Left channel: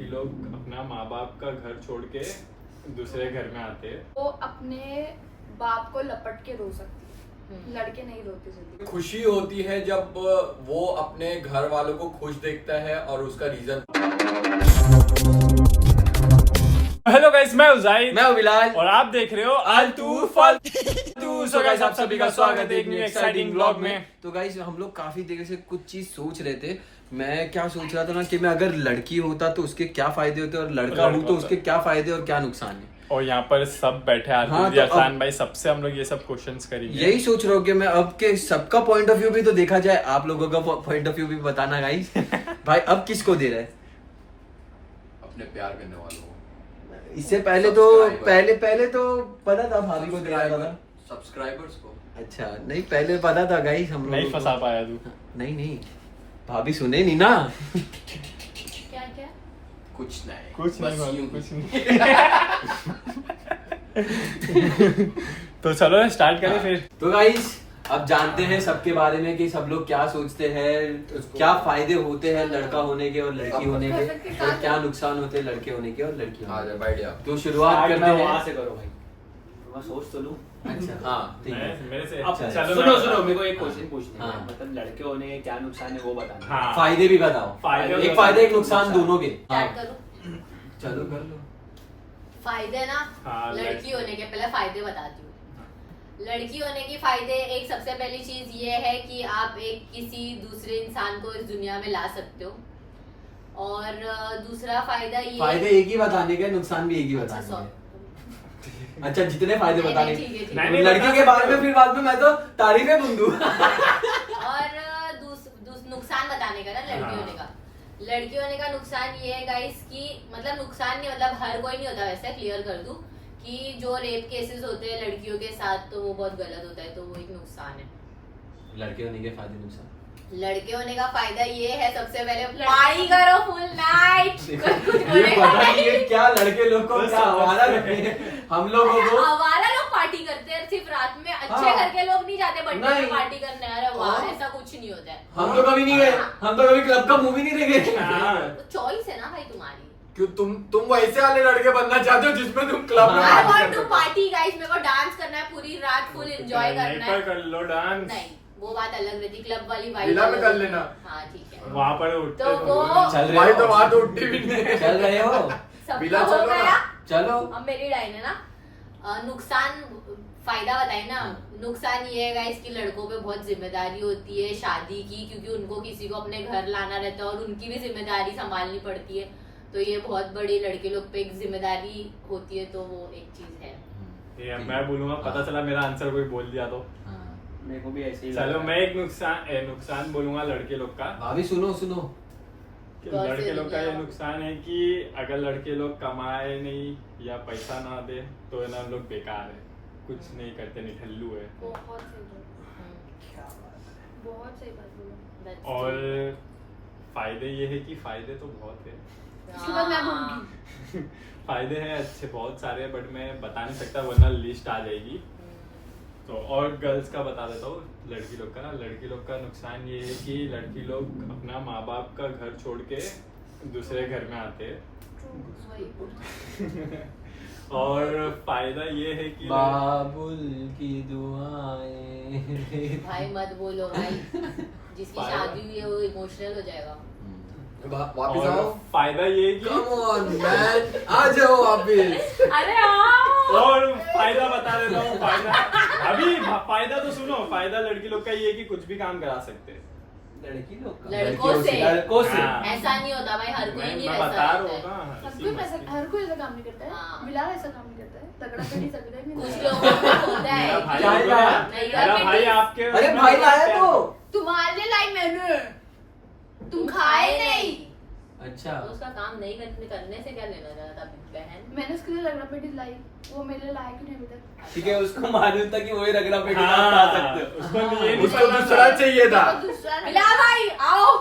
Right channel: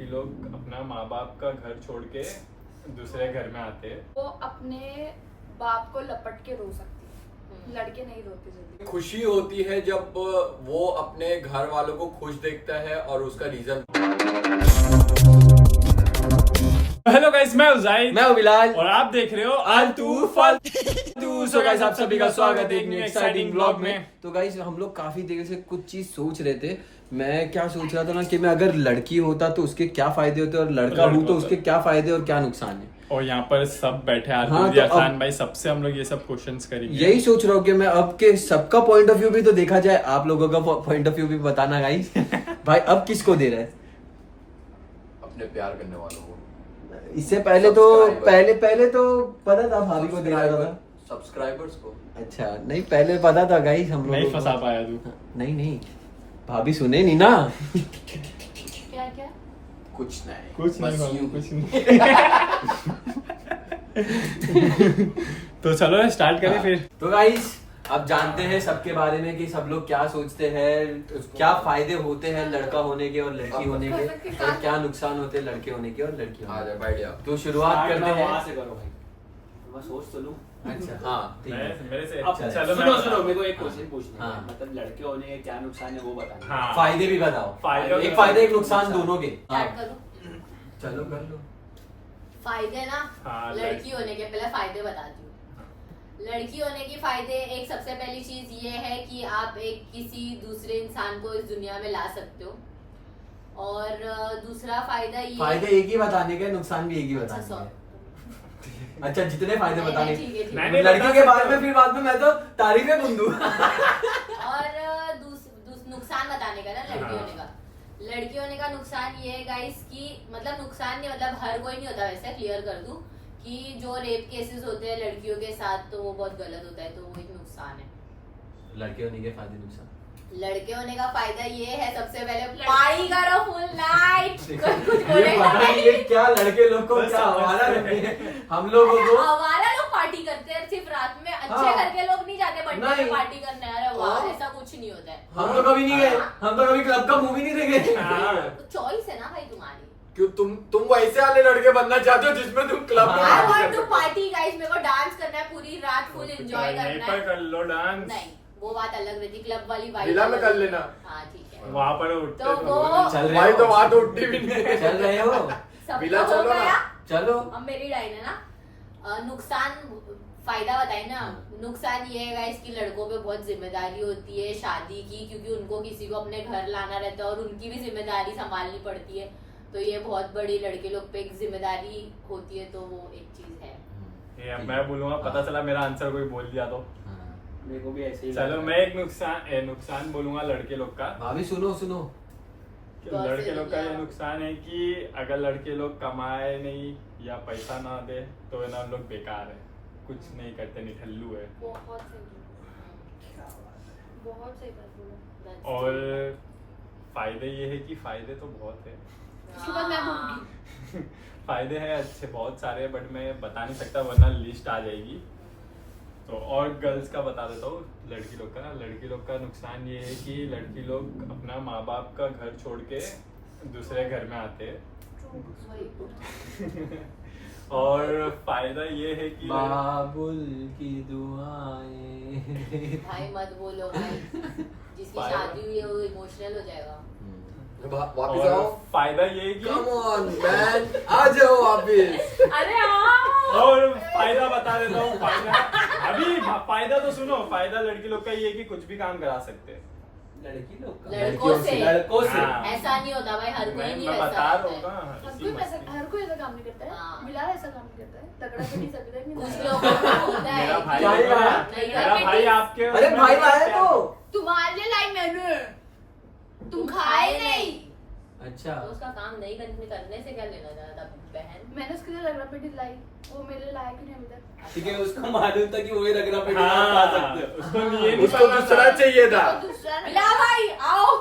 लड़की लोग अपना माँ बाप का घर छोड़ के दूसरे घर में आते हैं। वो अपने बाप को लपट के रो सकती है, लड़के नहीं रोते जल्दी। खुशी होती है जब वो अपने घर वालों को खुश देखता है और उसका रीजन। हेलो गाइस, मैं उजाइद, मैं बिलाल और आप देख रहे हो आलतू फालतू। सो गाइस, आप सभी का स्वागत है एक न्यू एक्साइटिंग व्लॉग में। तो गाइस हम लोग काफी देर से कुछ चीज सोच रहे थे। मैं क्या सोच रहा था ना कि मैं अगर लड़की होता तो उसके क्या फायदे होते और लड़का हूँ तो उसके क्या फायदे और क्या नुकसान है। और यहाँ पर सब बैठे आरती हाँ, जी, तो आसान भाई, सबसे हम लोग ये सब क्वेश्चंस करेंगे। यही सोच रहा हूँ कि मैं अब के सबका पॉइंट ऑफ व्यू भी तो देखा जाए, आप लोगों का पॉइंट ऑफ व्यू भी बताना गाइस। भाई अब किसको दे रहा है? अपने प्यार करने वालों को। इससे पहले तो पहले तो पता था भाभी को दे रहा था, सब्सक्राइबर्स को। अच्छा नहीं पहले पता था गाइस हम लोग नहीं फंसा पाया तू। नहीं भाभी सुने नहीं ना। क्या क्या कुछ नहीं कुछ नहीं बस भाभी, यूं। कुछ नहीं। तो चलो स्टार्ट करें फिर। तो गाइस अब जानते हैं सबके बारे में कि सब लोग क्या सोचते हैं, क्या फायदे होते हैं लड़का होने के और लड़की होने के, और क्या नुकसान होते हैं लड़के होने के और लड़की आ होने जा बैठ जा। के। तो शुरुआत करते हैं वहां से करो भाई, मैं सोच तो लूं। अच्छा हाँ ठीक है। मेरे से अब चलो सुनो मैं- सुनो, मेरे को एक क्वेश्चन पूछना है। हाँ। मतलब लड़के होने के क्या नुकसान है वो बताना। हाँ। फायदे भी बताओ। फायदे एक फायदा एक नुकसान दोनों के। हाँ स्टार्ट करूं? चलो कर लो। फायदे ना, हाँ, लड़की होने के पहले फायदे बताती हूँ। लड़की होने के फायदे, एक सबसे पहली चीज ये है कि आप एक किसी दूसरे इंसान को इस दुनिया में ला सकते हो। और दूसरा फायदा ये फायदे एक ही बताने के, नुकसान भी एक ही अच्छा, बताने सॉरी। के। अच्छा जितने फायदे नहीं, बताने नहीं, ठीक है, ठीक है। नहीं, नहीं, लड़की बता के बारे सकते में हो। फिर बाद में मैं तो तारीफें बुंदू। और नुकसान बताने का ना लड़की हाँ। होने का। लड़की होने का नुकसान ये है गाइस कि मतलब नुकसान नहीं, मतलब हर कोई नहीं होता, वैसे क्लियर कर दूं कि जो रेप केसेस होते हैं लड़कियों के साथ तो वो बहुत गलत होता है, तो वो एक नुकसान है। लड़के होने के फायदे नुकसान। लड़के होने का फायदा ये है, सबसे पहले पार्टी करो फुल नाइट। कुछ ये बोलेगा पता नहीं ये क्या लड़के लोग को क्या हमारा लगे हम लोगों को। हमारा लोग पार्टी करते हैं सिर्फ रात में, अच्छे हाँ। घर के लोग नहीं जाते बर्थडे नहीं। में पार्टी करने। अरे वाह, हाँ। ऐसा कुछ नहीं होता है। हम तो कभी नहीं गए, हम तो कभी क्लब का मूवी नहीं देखे। हाँ। तो चॉइस है ना भाई तुम्हारी। क्यों तुम वैसे वाले लड़के बनना चाहते हो जिसमें तुम क्लब में आई party वांट कर टू सको। पार्टी गाइस, मेरे को डांस करना है पूरी रात, फुल एंजॉय यहीं करना पर है। कर लो डांस। नहीं वो बात अलग रहती, क्लब वाली वाइब विला में अलग कर रहती। लेना। हाँ ठीक है। वहाँ पर उठते तो वो चल रहे भाई हो? तो वहाँ तो उठती भी नहीं। चल रहे हो? सब विला तो हो चलो ना। गया। चलो। अब मेरी लाइन है ना। नुकसान फायदा बताए ना। नुकसान ये है गाइस कि लड़कों पे बहुत जिम्मेदारी होती है शादी की, क्योंकि उनको किसी को अपने घर लाना रहता है और उनकी भी जिम्मेदारी संभालनी पड़ती है। तो ये बहुत बड़ी लड़के लोग पे एक जिम्मेदारी होती है, तो वो एक चीज है। ये मैं बोलूंगा, पता चला मेरा आंसर कोई बोल दिया तो। मेरे को भी ऐसे ही चलो लगा। मैं एक नुकसान बोलूंगा लड़के लोग का। भाभी सुनो सुनो। कि बहुत लड़के से लोग का ये दुनिया- नुकसान है कि अगर लड़के लोग कमाए नहीं या पैसा ना दे तो है ना हम लोग बेकार है, कुछ नहीं करते, निठल्लू है। बहुत सही बोला, बहुत सही बात बोला। That's और true। फायदे ये है कि फायदे तो बहुत है। इसके बाद मैं बोलूंगी। फायदे हैं अच्छे बहुत सारे, बट मैं बता नहीं सकता वरना लिस्ट आ जाएगी। तो और गर्ल्स का बता देता हूँ, लड़की लोग का ना, लड़की लोग का नुकसान ये है कि लड़की लोग अपना माँ बाप का घर छोड़ के दूसरे घर में आते हैं। और फायदा ये है कि बाबुल की दुआएं। भाई मत बोलो भाई, जिसकी फायदा- शादी हुई है वो इमोशनल हो जाएगा। वापिस और आओ। फायदा ये है कम कि ऑन मैन, आ जाओ वापिस। अरे हाँ। और फायदा बता देता हूँ। अभी फायदा तो सुनो। फायदा लड़की लोग का ये है कि कुछ भी काम करा सकते हैं। लड़की लोग का? लड़कों से। लड़कों से। हाँ। ऐसा नहीं होता भाई, हर कोई नहीं मैं वैसा बता रहा रहता हूँ है। ना, हर इसी कोई मस्ती। ऐसा, हर कोई ऐसा काम नहीं करता है। हाँ। बिलाल ऐसा काम नहीं करता है, तगड़ा कर नहीं सकता है, नहीं कुछ लगता है। लोगों को होता है। मेरा भाई क्या होगा ना, लाया? मेरा भाई आपके अरे उसमें भाई बहुत लाया प्यार तो। तुम्हारे लाई मैंने, तुम खाए नहीं। अच्छा तो उसका काम नहीं करने से क्या लेना देना था बहन। मैंने उसके लिए रगड़ा पेटी लाई, वो मेरे लिए लाया क्यों नहीं अभी तक? ठीक है, उसको मालूम था कि वही रगड़ा पेटी हाँ, आप खा सकते हो। उसको ये नहीं उसको पता दूसरा था। चाहिए था। तो दूसरा बिला भाई आओ।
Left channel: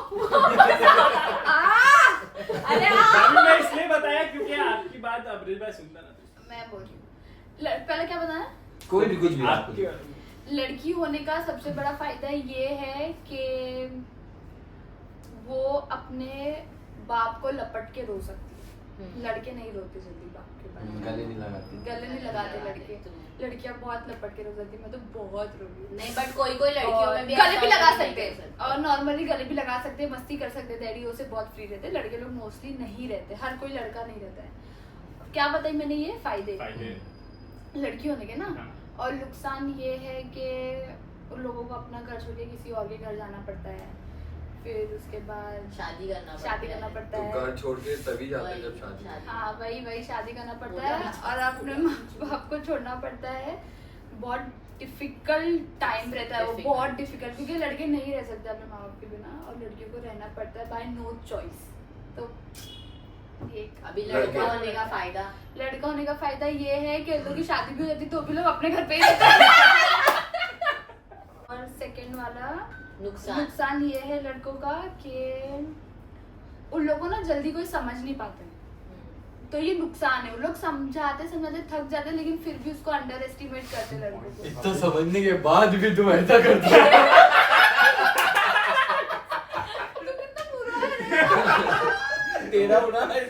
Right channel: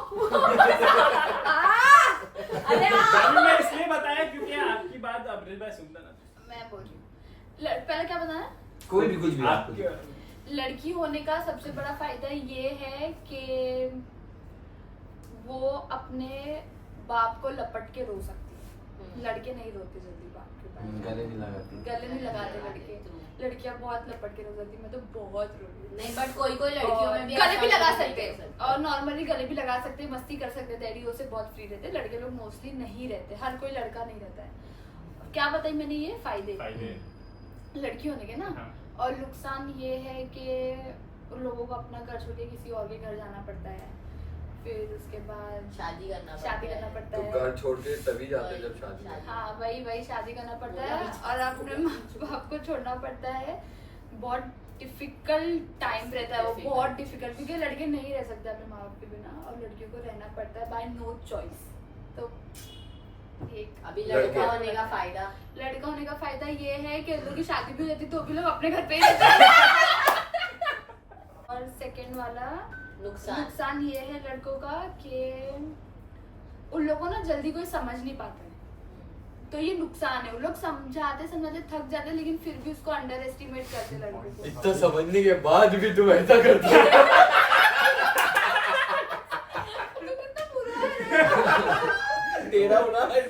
अरे आओ। अभी मैं इसलिए बताया क्योंकि आपकी बात अब्रिल भाई सुनता ना। मैं बोल रही हूँ। पहले क्या बताया? कोई भी कुछ भी आपके लड़की होने का सबसे बड़ा फायदा ये है कि वो अपने बाप को लपट के रो सकती है। लड़के नहीं रोते जल्दी बाप के पास, गले नहीं लगाती। गले नहीं लगाते लड़के, लड़कियां बहुत लपट के रो जाती, मैं तो बहुत रोती। नहीं बट कोई कोई लड़कियों में भी गले भी ऐसा लगा नहीं सकते कर हैं और नॉर्मली गले भी लगा सकते हैं, मस्ती कर सकते हैं, डैडियों से बहुत फ्री रहते हैं। लड़के लोग मोस्टली नहीं रहते, हर कोई लड़का नहीं रहता है। क्या बताई मैंने ये फायदे लड़की होने के ना, हाँ। और नुकसान ये है कि उन लोगों को अपना घर छोड़ के किसी और के घर जाना पड़ता है, फिर उसके बाद शादी करना पड़ता तो है। घर छोड़ के तभी जाते हैं जब शादी शादी। हाँ वही शादी करना पड़ता है बोला और अपने माँ बाप को छोड़ना पड़ता है। बहुत डिफिकल्ट टाइम रहता है वो, Difficult. बहुत डिफिकल्ट, क्योंकि लड़के नहीं रह सकते अपने माँ बाप के बिना और लड़कियों को रहना पड़ता है बाय नो चॉइस। तो एक अभी लड़का होने का फायदा, लड़का होने का फायदा ये है कि लोगों की शादी भी हो जाती तो भी लोग अपने घर पे ही रहते हैं। और सेकंड वाला नुकसान ये है लड़कों का कि उन लोगों को ना जल्दी कोई समझ नहीं पाते हैं, तो ये नुकसान है। वो लोग समझाते थक जाते लेकिन फिर भी उसको अंडर एस्टिमेट करते लड़कों को। इतना समझने के बाद भी तुम ऐसा करती हो। तेरा बना है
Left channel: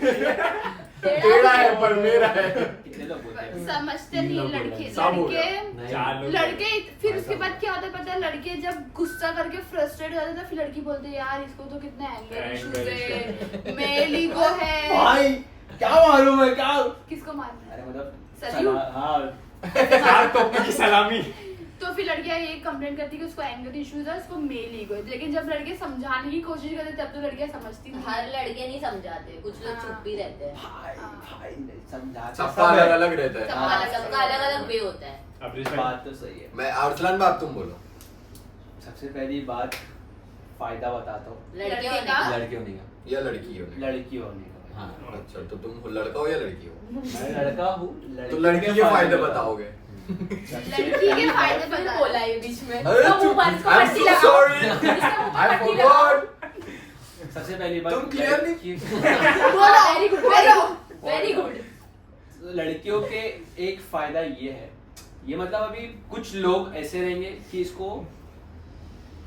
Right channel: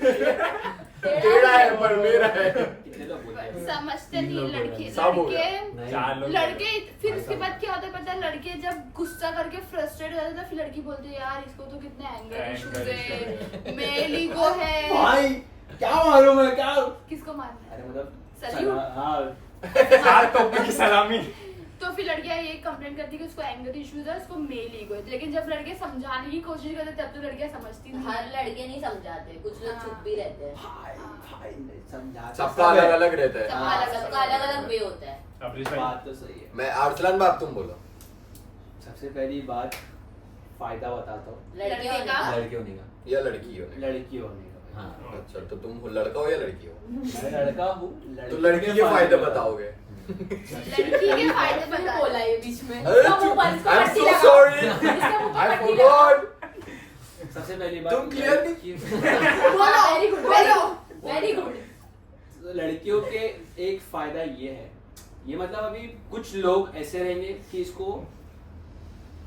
तेरा है पर मेरा है। कितने लोग बोलते हैं समझते नहीं लड़के सब हो गया। लड़के फिर उसके बाद क्या होता है पता है, लड़के जब गुस्सा करके फ्रस्ट्रेट हो जाते हैं फिर लड़की बोलते हैं यार इसको तो कितने एंगर इश्यूज है, मेल ईगो है। भाई क्या मालूम है क्या? किसको मारना है? अरे मतलब Salute. हाँ की सलामी। तो फिर लड़कियां ये कंप्लेंट करती है कि उसको एंगर इश्यूज है, उसको मेल ईगो है। लेकिन जब लड़के समझाने की कोशिश करते तब तो लड़कियां समझती नहीं। हर लड़के नहीं समझाते, कुछ लोग हाँ। चुप भी रहते हैं। भाई नहीं समझा सबका अलग अलग रहता है। सबका अलग अलग वे होता है। बात तो सही है। मैं अरसलान बात तुम बोलो। सबसे पहली बात फायदा बताता हूँ, लड़के होने का? का लड़के होने का। या लड़की हो? लड़की होने का। हाँ। अच्छा तो तुम लड़का हो या लड़की हो? मैं लड़का हूँ, तो लड़की के फायदे बताओगे। लड़की के फायदे फिर बता बोला ये बीच में। अरे इसका मुंह पर- इसको I'm पट्टी so लगाओ। sorry. इसका मुंह पर I पट्टी लगाओ। forgot. सबसे पहली बात तुम clear नहीं? बोलो, very good, very good, very good। लड़कियों के एक फायदा ये है, ये मतलब अभी कुछ लोग ऐसे रहेंगे कि इसको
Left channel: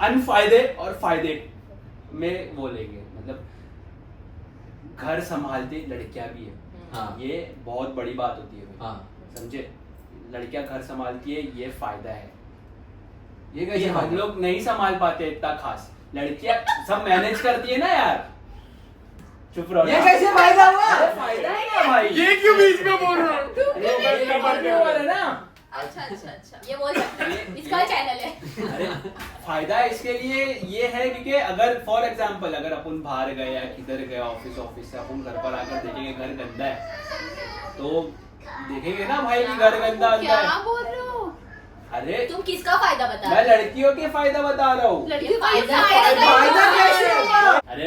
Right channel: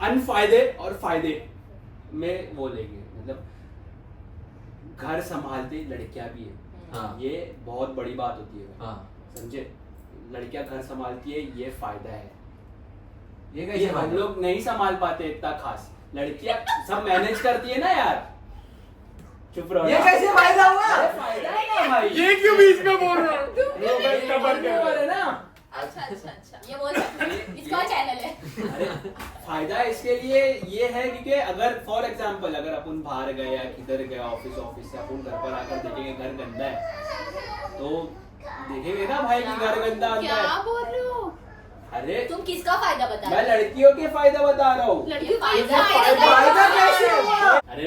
अनफायदे और फायदे में वो लेंगे, मतलब घर संभालती लड़कियां भी है। हाँ। ये बहुत बड़ी बात होती है भाई। हाँ। समझे, लड़कियां घर संभालती है, ये फायदा है। ये ये कैसे हम फायदा? लोग नहीं संभाल पाते इतना खास, लड़कियां सब मैनेज करती है ना यार। चुप रहो ये ना। कैसे फायदा हुआ? अरे फायदा है ना भाई। ये क्यों बीच में बोल रहा हूँ? है ना। अच्छा ये बोल सकते हैं, इसका चैनल है। अरे फायदा इसके लिए ये है क्योंकि अगर फॉर एग्जांपल अगर अपन बाहर गए या किधर गए ऑफिस से अपन घर पर आकर देखेंगे घर गंदा है तो देखेंगे ना भाई कि घर गंदा आता क्या है। बोल रहे हो? अरे तुम किसका फायदा बता मैं रहे हो? लड़कियों के फायदा बता रहा हूँ। लड़की फायदा फायदा कैसे हुआ? अरे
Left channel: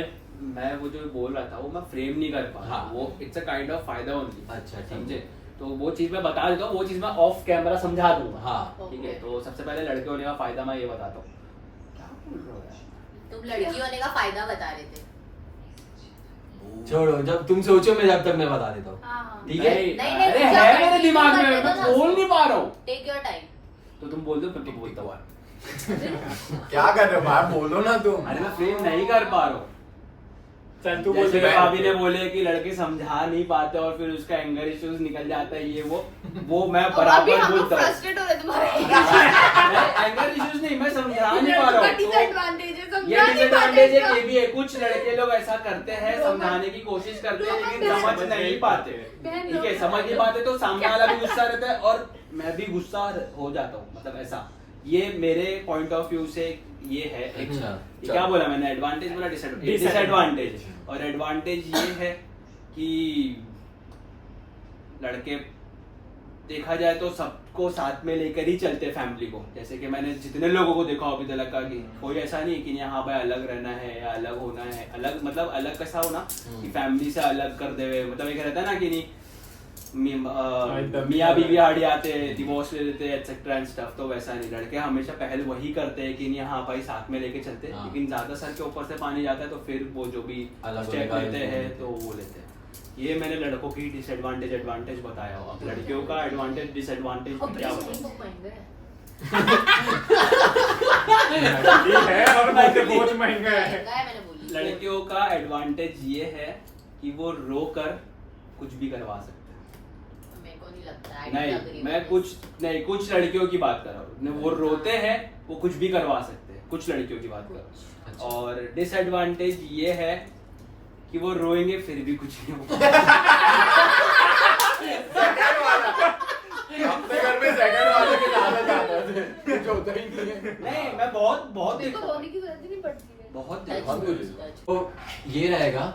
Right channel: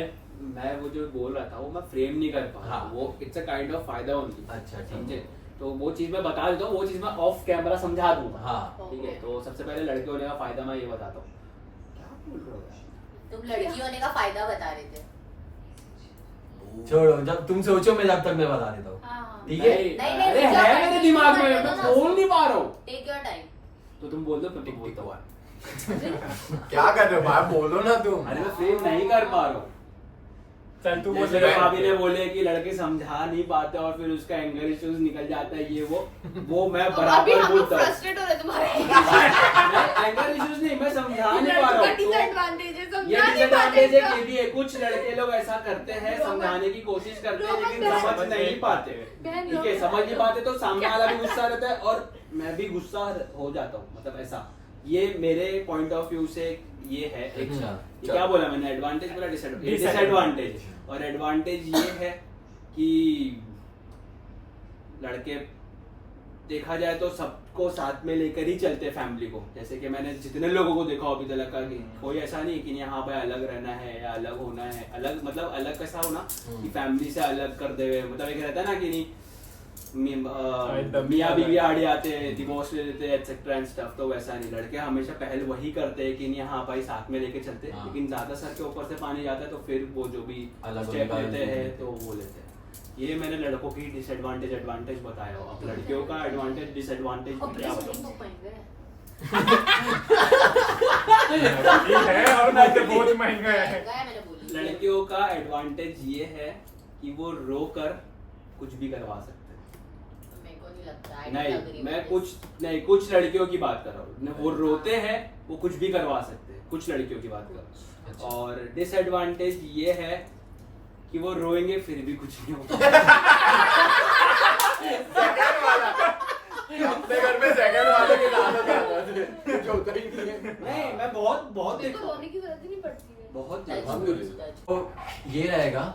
मैं वो जो बोल रहा था वो मैं फ्रेम नहीं कर पा रहा। हाँ। वो इट्स अ काइंड ऑफ फायदा ओनली। अच्छा, ठीक। समझे, तो वो चीज मैं बता देता हूँ, वो चीज मैं ऑफ कैमरा समझा दूंगा। हाँ। ठीक है, तो सबसे पहले लड़के होने का फायदा मैं ये बताता हूँ। क्या बोल रहे हो यार? तुम लड़की होने का फायदा बता रहे थे। छोड़ो, जब तुम सोचो मैं जब तक मैं बता देता हूँ। हाँ। ठीक है? नहीं, अरे तुम है क्या मेरे continue दिमाग में, करते मैं हो ना? बोल नहीं पा रहा हूँ। Take your time. तो तुम बोल दो फिर तुम बोलता हूँ। क्या कर रहे हो भाई? बोलो ना तुम। अरे मैं फ्रेम नहीं कर पा रहा हूँ। चल तू बोल जैसे दे। भाभी ने बोले कि लड़के समझा नहीं पाते और फिर उसका एंगर इश्यूज निकल जाता है, ये वो मैं अभी बराबर हम लोग बोलता हूँ। फ्रस्ट्रेट हो रहे तुम्हारे। एंगर इश्यूज नहीं, मैं समझा नहीं पा रहा लड़कों का हूँ। तो डिसएडवांटेज है, ये समझा नहीं पाते डिसएडवांटेज है, इसका। ये भी है। कुछ लड़के लोग ऐसा करते हैं, रोमन- समझाने की कोशिश करते हैं रोमन लेकिन बहन- समझ नहीं पाते। बहन ठीक है, रोमन- समझ नहीं पाते तो सामने वाला भी गुस्सा रहता है और मैं भी गुस्सा हो जाता हूँ, मतलब ऐसा। ये मेरे पॉइंट ऑफ व्यू से ये है एक। अच्छा, ये क्या बोला मैंने, एडवांटेज बोला डिसएडवांटेज। और एडवांटेज ये है कि लड़के देखा जाए तो सबको साथ में लेकर ही चलते फैमिली को। जैसे कि मैंने जितने लोगों को देखा अभी तक का कि कोई ऐसा नहीं कि यहाँ भाई अलग रहना है या अलग होना है। अलग मतलब अलग कैसा होना कि फैमिली से अलग कर दे, मतलब एक रहता है ना कि नहीं मियाँ बीवी आड़ी आते हैं, डिवोर्स ले लेते हैं एक्सेट्रा एंड स्टफ। तो वैसा नहीं, लड़के हमेशा पहल वही करते हैं कि नहीं हाँ भाई साथ में लेके चलते हैं। हाँ। लेकिन ज्यादा सर के ऊपर से पानी जाता है तो फिर वो जो भी अलग स्टेप होने का लेते हैं लेते तो वो लेते हैं। ये मैंने लड़कों की डिसएडवांटेज एडवांटेज बताया हो। अब लड़कियों का एडवांटेज डिसएडवांटेज क्या ऑपरेशन बताऊं? बहुत महंगा है। ठीक है और मुझे बहुत महंगा है। महंगा है मैंने बोली। लड़कियों का एडवांटेज ये है कि वो रो कर कुछ भी करवा सकते हैं। मेरे को नहीं लगता, I don't agree नहीं, with मैं this. कुछ लड़कियों की बात कर रहा हूँ, वो रोते हैं, वो कुछ भी करवा सकते हैं, कुछ लड़कियों की बात कर रहा अच्छा। हूँ। और डिसएडवांटेज ये है कि वो रोएंगे फिर भी कुछ नहीं होगा। अपने घर में सेकंड वाले के ज्यादा ज्यादा थे, कुछ होता ही नहीं है। नहीं, मैं बहुत मेरे को देखा हूँ। रोने की जरूरत ही नहीं पड़ती है। बहुत Touch देखा हूँ। wood, touch wood. तो ये रहेगा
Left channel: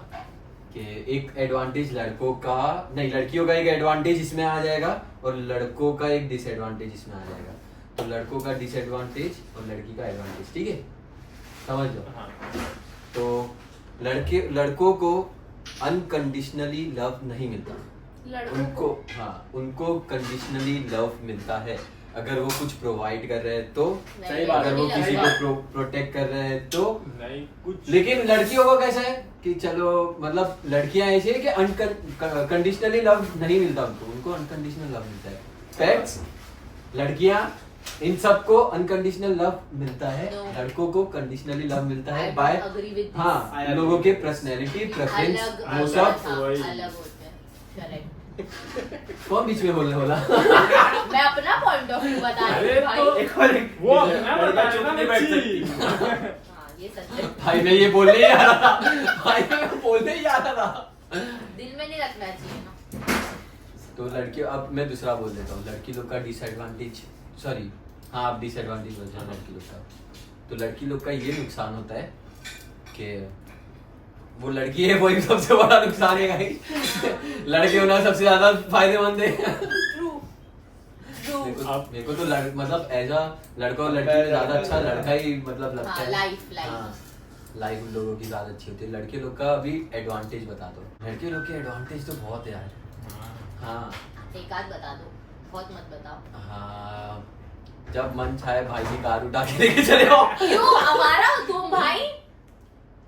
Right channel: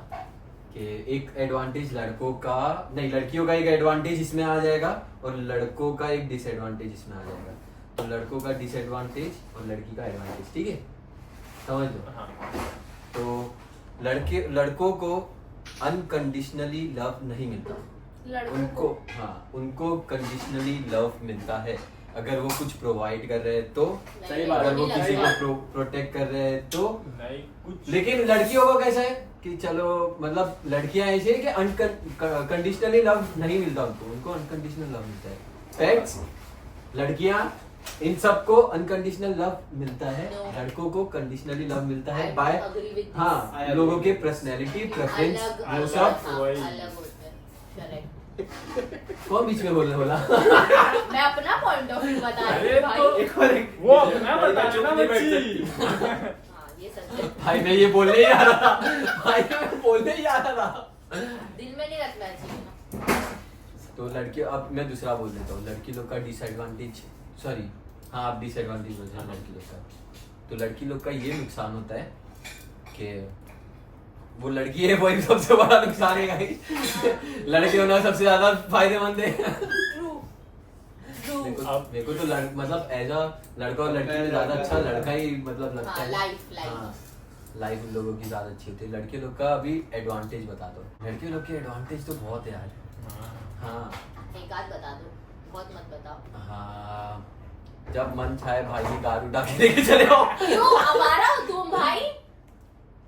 कि एक एडवांटेज लड़कों का नहीं, लड़कियों का एक एडवांटेज इसमें आ जाएगा और लड़कों का एक डिसएडवांटेज इसमें आ जाएगा। तो लड़कों का डिसएडवांटेज और लड़की का एडवांटेज, ठीक है, समझ लो। हाँ तो लड़कों को अनकंडीशनली लव नहीं मिलता, लड़कों उनको को हाँ उनको कंडीशनली लव मिलता है। अगर वो कुछ प्रोवाइड कर रहे हैं तो, सही बात है, अगर वो नहीं किसी लगता। को प्रोटेक्ट कर रहे हैं तो। नहीं कुछ, लेकिन लड़कियों का कैसा है कि चलो मतलब लड़कियां ऐसी है कि अनकंडीशनली लव नहीं मिलता उनको अनकंडीशनल लव मिलता है। फैक्ट्स, लड़कियां इन सबको अनकंडीशनल लव मिलता है, No. लड़कों को कंडीशनली लव मिलता I है don't बाय agree with this. I हाँ agree लोगों with के this. पर्सनैलिटी प्रेफरेंस अलग वो अलग सब। हाँ, वही। अलग होते हैं, correct. कौन बीच में बोलने बोला? मैं अपना पॉइंट ऑफ व्यू बता रही अरे हूँ भाई। तो एक और एक वो अपना लड़का बताना चुप नहीं बैठ बच्ची। सकती। हाँ, ये सच है। भाई मैं ये बोलने ही आ रहा था, भाई मैं बोलने ही आ रहा था। दिल में नहीं रखना चाहिए ना। तो लड़कियों, अब मैं दूसरा बोल देता हूँ, लड़की लोग का डिसएडवांटेज, सॉरी हाँ आप डिसएडवांटेज बोल रहे हैं लड़की लोग का। तो लड़की लोग का ये नुकसान होता है कि वो लड़की है वही सबसे बड़ा नुकसान है गाइस। लड़के होना सबसे ज्यादा फायदेमंद है। True. True. मेरे को तो मतलब एज अ लड़का और लड़की में ज्यादा अच्छा लड़का ही मतलब लगता हाँ, है। life. लाइफ उन लोगों की ज्यादा अच्छी होती है। लड़के लोग का अभी एडवांटेज बता दो। लड़के लोग के एडवांटेज तो बहुत है यार। हाँ एक आध बता दो, बहुत मत बताओ। हाँ, जब मन चाहे भाई की कार उठा के लेके चले आओ। क्यों हमारा हो तुम भाई?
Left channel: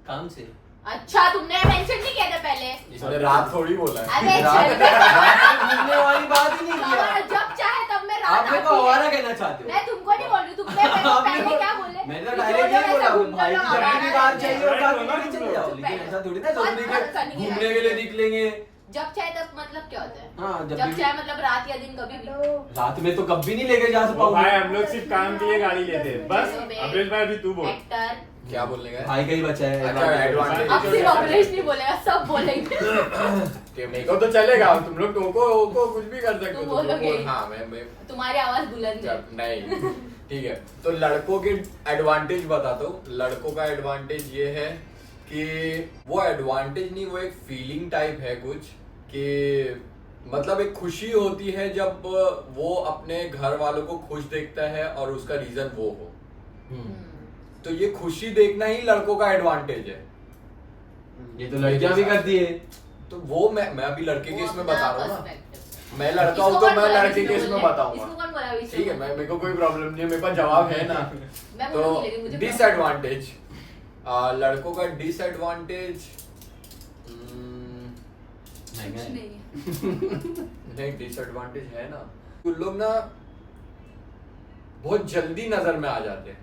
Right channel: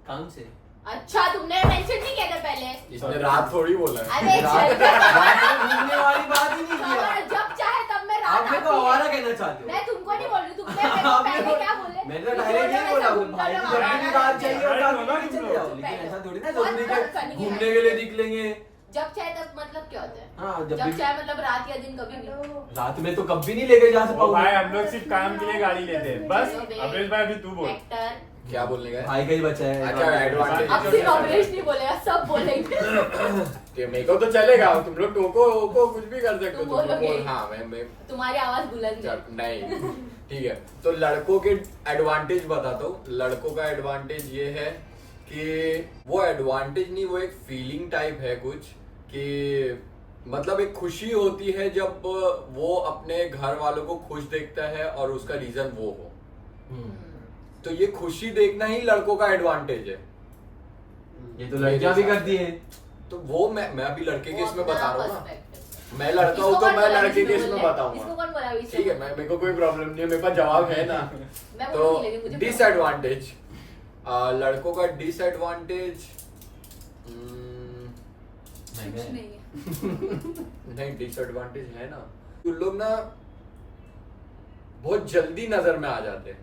काम से। अच्छा, तुमने मेंशन नहीं किया था पहले। इसने रात थोड़ी बोला है। अरे चल घूमने वाली बात ही नहीं किया। जब चाहे तब मैं रात आप मेरे को आती है। आवारा कहना चाहते हो? मैं तुमको नहीं बोल रही, तुमने मेरे को आप पहले मेरे को- क्या बोले? मैंने तो तुम डायरेक्ट बोलो नहीं बोला, ऐसा घूमते भाई रहो, की आवारा जब भी बात रहते चाहिए हो। होगा Right, तो चले जाओ। चुप लेकिन रहो। ऐसा थोड़ी ना बहुत जरूरी बहुत के funny घूमने है। के लिए निकलेंगे। जब चाहे तब मतलब क्या होता है? हाँ, जब जब भी- चाहे मतलब रात या दिन कभी भी। रात में तो कभी नहीं लेके जा वो पाऊंगा। भाई हम लोग सिर्फ काम के लिए गाड़ी लेते हैं बस। अमरीश भाई अभी तू बोल। एक्टर। क्या बोलने का है? भाई का ही बचा है। अच्छा, advantage। अब सिर्फ अमरीश नहीं बोलेगा, सब बोलेंगे। कि मेरे को तो चलेगा, तुम लोग टोको कुछ भी कर सकते हो। तुम तुम लोग बोलोगे। बोल, हाँ मैं तुम्हारी आवाज बुलंद है। नहीं ठीक है। तो लड़कों के एडवांटेज बता दो। लड़कों का एडवांटेज ये है कि वो एडवांटेज नहीं, वो एक फीलिंग टाइप है कुछ, कि मतलब एक खुशी होती है जब वो अपने घर वालों को खुश देखता है और उसका रीजन वो हो। हम्म, तो ये खुशी देखना ही लड़कों का एडवांटेज है। ये तो लड़कियां भी करती है। तो वो मैं अभी लड़के के इसमें बता रहा हूँ ना। पर्सपेक्टिव। मैं लड़का हूँ तो मैं लड़के के इसमें इसको बताऊंगा। कौन बोला अभी से? ठीक है, मैं मेरे को कोई प्रॉब्लम नहीं है, मेरे पास जवाब है ना। मैं तो बोलूंगी लेकिन मुझे डिसएडवांटेज, लड़कों का डिसएडवांटेज कुछ नहीं है। नहीं, डिसएडवांटेज है ना, उन लोग ना बहुत जल्दी नजर में आ जाते हैं।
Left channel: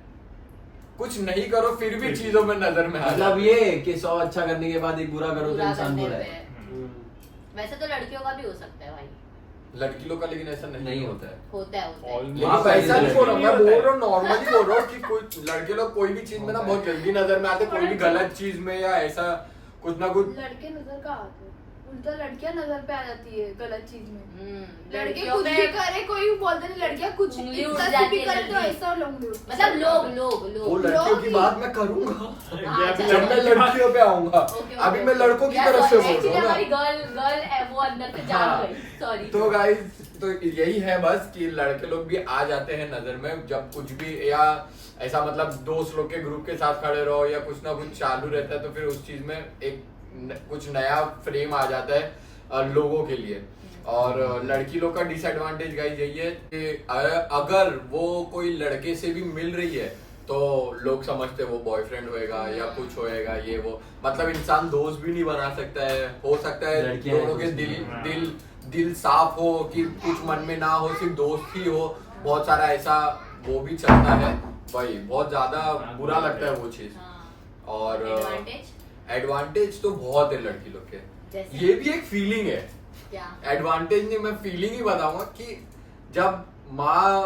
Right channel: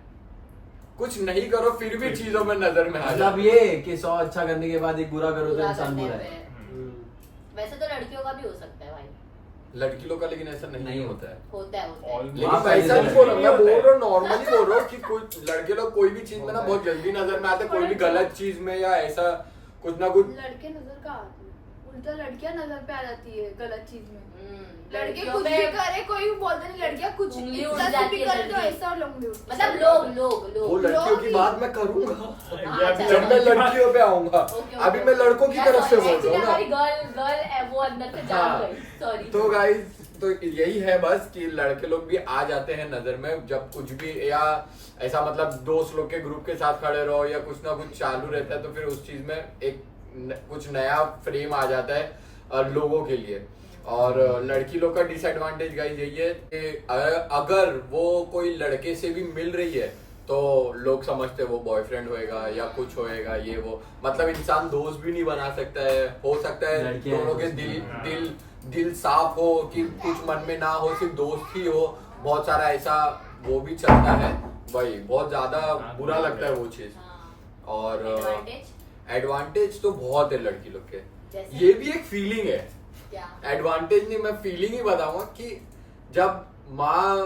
कुछ नहीं करो फिर भी चीजों में नजर में आ मतलब जाते ये कि 100 अच्छा करने के बाद एक बुरा करो तो बुरा इंसान करने बुरा है। पे। वैसे तो लड़कियों का भी हो सकता है भाई। हैं। लड़की लोग का लेकिन ऐसा नहीं होता है। होता है। All- लेकिन हाँ, वैसा सही नहीं है। बोल रहा हूँ, मैं बोल रहा हूँ नॉर्मली बोल रहा हूँ कि कोई लड़के लोग कोई भी चीज में ना बहुत जल्दी नजर में आते हैं, कोई भी गलत चीज में या ऐसा कुछ ना कुछ। लड़के नजर का आते हैं, उल्टा लड़कियां नजर पे आ जाती है गलत चीज में। लड़के लड़कियों कुछ पे भी करे, कोई भी बोलते नहीं, लड़कियां कुछ उंगली उठ इतना जाती भी है करे तो जल्दी। ऐसा लोग उठ मतलब लोग वो लड़कियों की लोग बात मैं करूंगा ये अभी जब मैं लड़कियों पे आऊंगा। अभी मैं लड़कों की तरफ से बोल रहा हूँ हमारी ना। गर्ल वो अंदर से जाग हाँ। गई। सॉरी। तो गाइस, तो यही है बस कि लड़के लोग भी आ जाते हैं नजर में जब कुछ भी, या ऐसा मतलब दोस्त लोग के ग्रुप के साथ खड़े रहो या कुछ ना कुछ चालू रहता है तो फिर उस चीज में एक कुछ नया फ्रेम आ जाता है लोगों के लिए। और लड़की लोग का डिसएडवांटेज गाइस यही है कि अगर वो कोई लड़के से भी मिल रही है तो लोग समझते हैं वो बॉयफ्रेंड होएगा या कुछ होएगा ये वो, मतलब इंसान दोस्त भी नहीं बना सकता है। हो सकता है लड़कियां दोनों के दोस्त दिल नहीं। दिल दिल साफ हो कि कुछ मन में ना हो, सिर्फ दोस्त ही हो। बहुत सारा ऐसा वो भी चलता है, वही बहुत ज्यादा बुरा लगता है वो चीज। और एडवांटेज एडवांटेज तो बहुत है लड़की लोग के। जैसे? ये भी एक फीलिंग है क्या? एडवांटेज नहीं, मैं फीलिंग ही बताऊंगा कि जब माँ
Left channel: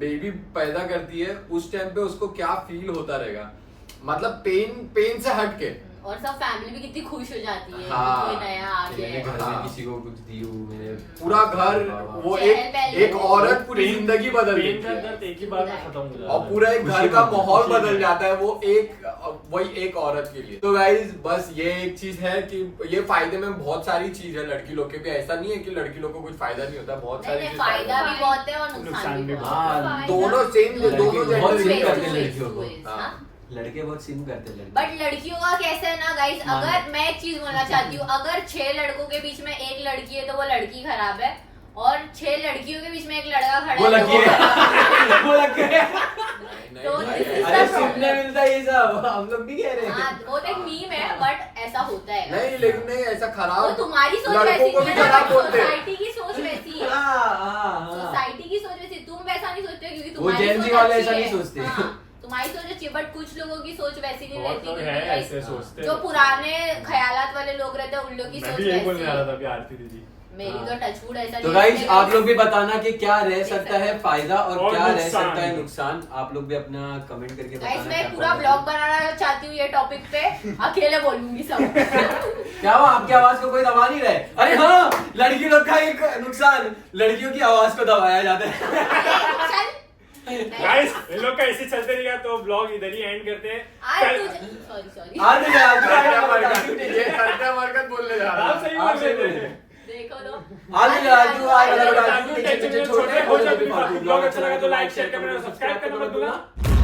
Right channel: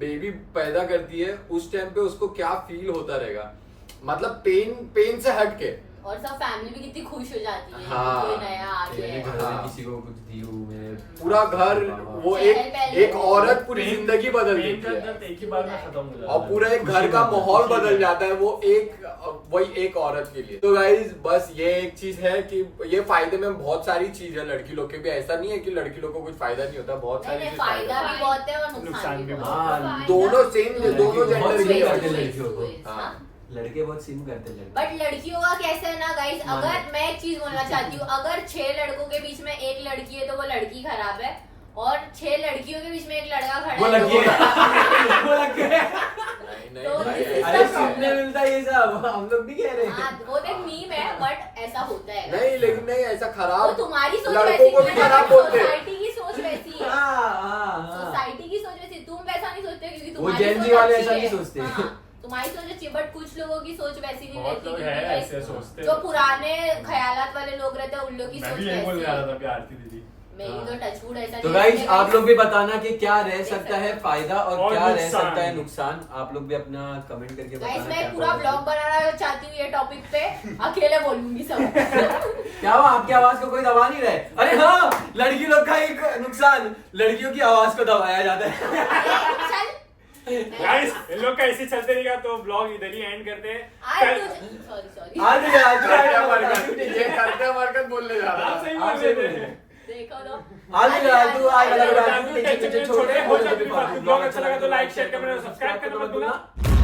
बेबी पैदा करती है उस टाइम पे उसको क्या फील होता रहेगा, मतलब पेन से हट के। और सब फैमिली भी कितनी खुश हो जाती है हाँ। कि ये नया आ गया मेरे है। घर हाँ। में किसी को कुछ दी हूँ, मेरे पूरा घर वो चहल एक पहल एक औरत पूरी पेन- जिंदगी बदल पेन देती का है दर्द एक ही बार में खत्म हो जाता और है। पूरा एक घर खुशी का में- माहौल खुशी बदल में। जाता है वो वही एक औरत के लिए। तो गाइज बस ये एक चीज है कि ये फायदे में बहुत सारी चीज है लड़की लोग के भी, ऐसा नहीं है कि लड़की लोग को कुछ फायदा नहीं होता, बहुत नहीं सारी नहीं, चीज फायदा भी बहुत है और नुकसान नुकसान भी भी बहुत बहुत है। है। दोनों सेम, लड़के दोनों बहुत जेंडर सिम की करते हैं है। लड़कियों को। हाँ। हाँ। लड़के बहुत सिम करते हैं लड़के। बट लड़कियों का कैसा है ना गाइस, मान अगर लो। मैं एक चीज बोलना चाहती हूँ, अगर 6 लड़कों के बीच में एक लड़की है तो वो लड़की खराब है, और 6 लड़कियों के बीच में एक लड़का खड़ा वो है तो लड़की वो है। खराब वो लग गए। नहीं, तो नहीं, this is अरे the सुनने मिलता है ये सब, हम लोग भी कह रहे है। हाँ, हैं। वो तो एक मीम है बट ऐसा होता है। नहीं लेकिन नहीं ऐसा वो खराब तुम्हारी सोच लड़कों वैसी को भी नहीं है, खराब बोलते हैं। सोसाइटी की सोच वैसी है। हाँ। सोसाइटी की सोच वैसी, तुम वैसा नहीं सोचते क्योंकि वो तुम्हारी Gen Z सोच वाले अच्छी ऐसा है। नहीं सोचते। हाँ, तुम्हारी सोच अच्छी है बट कुछ लोगों की सोच वैसी नहीं बहुत रहती लोग क्योंकि हैं like ऐसे सोचते जो हैं। पुराने ख्यालात वाले लोग रहते हैं उन लोग की मैं सोच भी यही बोलने वैसी जा रहा है। था अभी आरती दीदी। मेरी तो हाँ। टचवुड ऐसा तो नहीं गाइज है। आप लोग भी बताना कि क्या रह देख सकता है सकते फायदा और और क्या रह नुकसान। सकता है नुकसान। आप लोग भी अपना कमेंट करके गाइस बताना मैं क्या पूरा पता ब्लॉग है। बनाना चाहती हूँ ये टॉपिक पे, अकेले बोलूंगी सब। क्या हुआ, आपकी आवाज को कोई दबा नहीं रहा है? अरे हाँ, लड़की लोग का एक नुकसान, लड़कियों की आवाज को दबाया जाता है। चल गाइस इन लोग का ऐसे चलते रहेगा तो ब्लॉग इधर ही एंड करते हैं। आज सॉरी आज नहीं आज करता मरकत, ये करता मरकत बोलने जा रहा आप है। सही आप बोल सही रहे बोल थे। रहे हैं। देखो तो आज नहीं आज तू आज आज- वाला टेंशन छोड़ ब्लॉग अच्छा लगा तो लाइक शेयर कमेंट और सब्सक्राइब करना मत भूलना।